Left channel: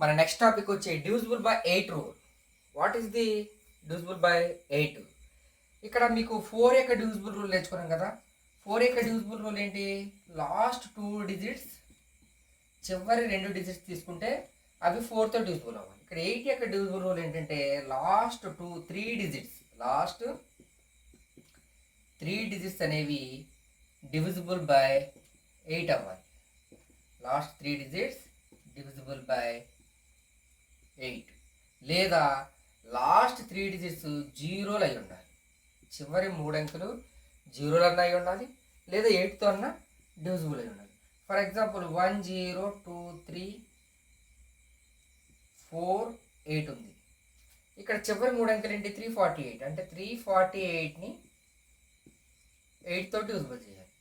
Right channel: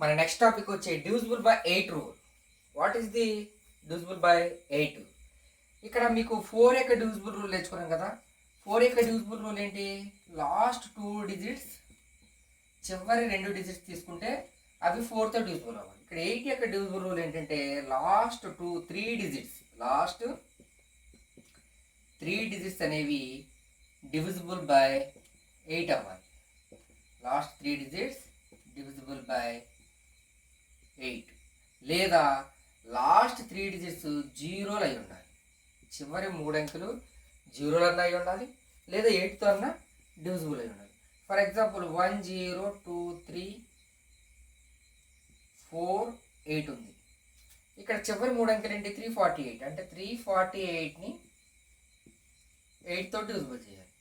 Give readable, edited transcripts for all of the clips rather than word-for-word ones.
మన next topic వచ్చి divisible by 8 rule. What is the divisible by 8? ఇక్కడ మీకు 4 యొక్క డివిజిబుల్ రూల్ నేర్చుకున్నాం కదా. 4 యొక్క డివిజిబుల్ రూల్ ఏంటి? లాస్ట్ 2 డిజిట్స్, చివరి 2 డిజిట్స్ తీసుకుంటే అవి 4తో డివిజిబుల్ అవ్వాలి. ఇక్కడ 8 యొక్క డివిజిబుల్ రూల్ ఏంటంటే లాస్ట్ 3 డిజిట్స్ అనేవి డివిజిబుల్ బై 8 అవ్వాలి. లాస్ట్ 3 డిజిట్స్ డివిజిబుల్ బై 8, లేదా లాస్ట్ 3 డిజిట్స్ జీరోలు అయి ఉండాలి. చివరి 3 అంకెలు జీరోలు అన్న అయి ఉండాలి, లేదా 8తో అన్న డివిజిబుల్ అయి ఉండాలి. ఫర్ ఎగ్జాంపుల్ 1 0 2 3 4 8 ఉంది. ఇక్కడ చివరి 3 అంకెలు ఏంటి? 348. అంటే 348ని 8తో డివిజిబుల్ చేయాలి.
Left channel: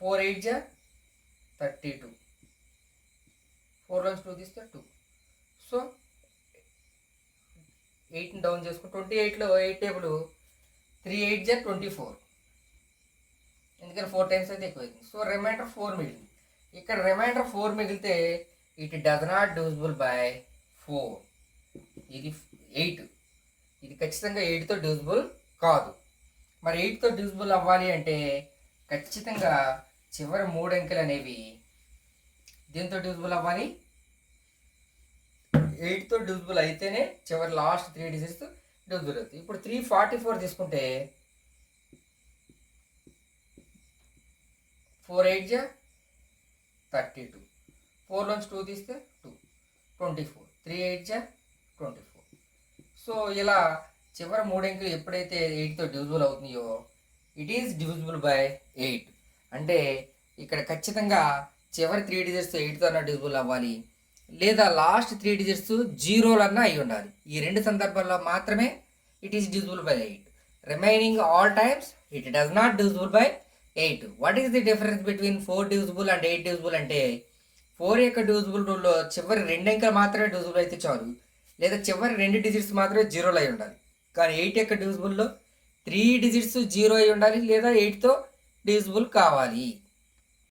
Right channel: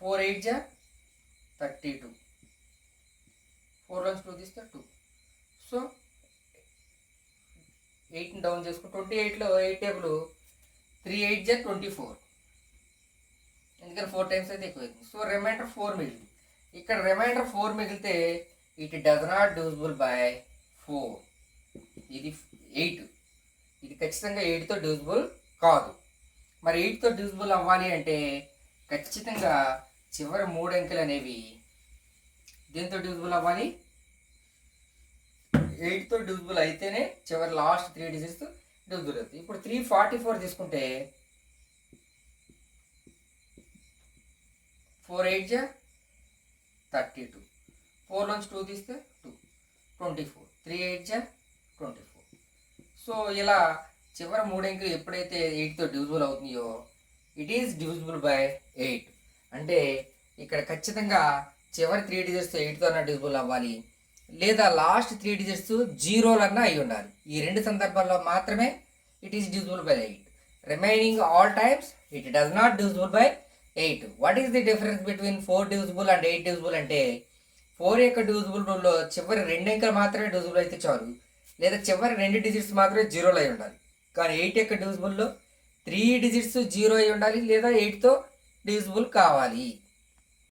4 8 జా 32, 4 నుంచి 2 తీస్తే 2. సో 8ని డౌన్ చేసుకో. 28లో 8 టేబుల్ 3 8 జా 24, ఎందుకని 4 టైమ్స్ అయితే ఎక్కువైంది. సో రిమైండర్ 4 మిగిలింది. ఇక్కడ రిమైండర్ 4 మిగిలితే it does not divisible by 4. ఇది 8, ఇది ఖచ్చితంగా 8తో డివిజిబుల్ కాదు. మరి 8తో డివిజిబుల్ అవ్వాలి అంటే ఖచ్చితంగా చివరి 3 అంకెలు అనేవి దేంతో డివిజిబుల్ అవ్వాలి? 8తో డివిజిబుల్ అయితేనే చివరి లాస్ట్ 3 డిజిట్స్ డివిజిబుల్ అవుతాయి. ఇప్పుడు 344 తీసుకుంటే 4 8 జా 32, 4 నుంచి 2 తీస్తే 2 24, 3 8 జా 24. సో ఇలా చివరి 3 అంకెలు ఎప్పుడైతే 8తో డివిజిబుల్ అవుతున్నాయో ఇట్ ఈస్ డివిజిబుల్ బై 8. అంటే ఇక్కడ ఖచ్చితంగా చివరి 3 డిజిట్స్ 8తో అన్న డివిజిబుల్ అవ్వాలి, లేదా లాస్ట్ 3 డిజిట్స్ జీరోలన్నా అయి ఉండాలి. ఈ 2 సందర్భాల్లో మాత్రమే it is divisible by 8. Remaining all times it does not divisible by 8. What is the difference between 4 divisible and 8 divisible అంటే 4 యొక్క డివిజిబుల్ రూల్లో చివరి 2 అంకెలు మాత్రమే డివిజిబుల్ అయితే చాలు, లేదా చివరి 2 డిజిట్స్ మాత్రమే జీరోలు అయి ఉండాలి. కానీ 8 యొక్క డివిజిబుల్లో 3 డిజిట్స్ జీరో అయి ఉండాలి, లేదా 8తో డివిజిబుల్ కావాలి.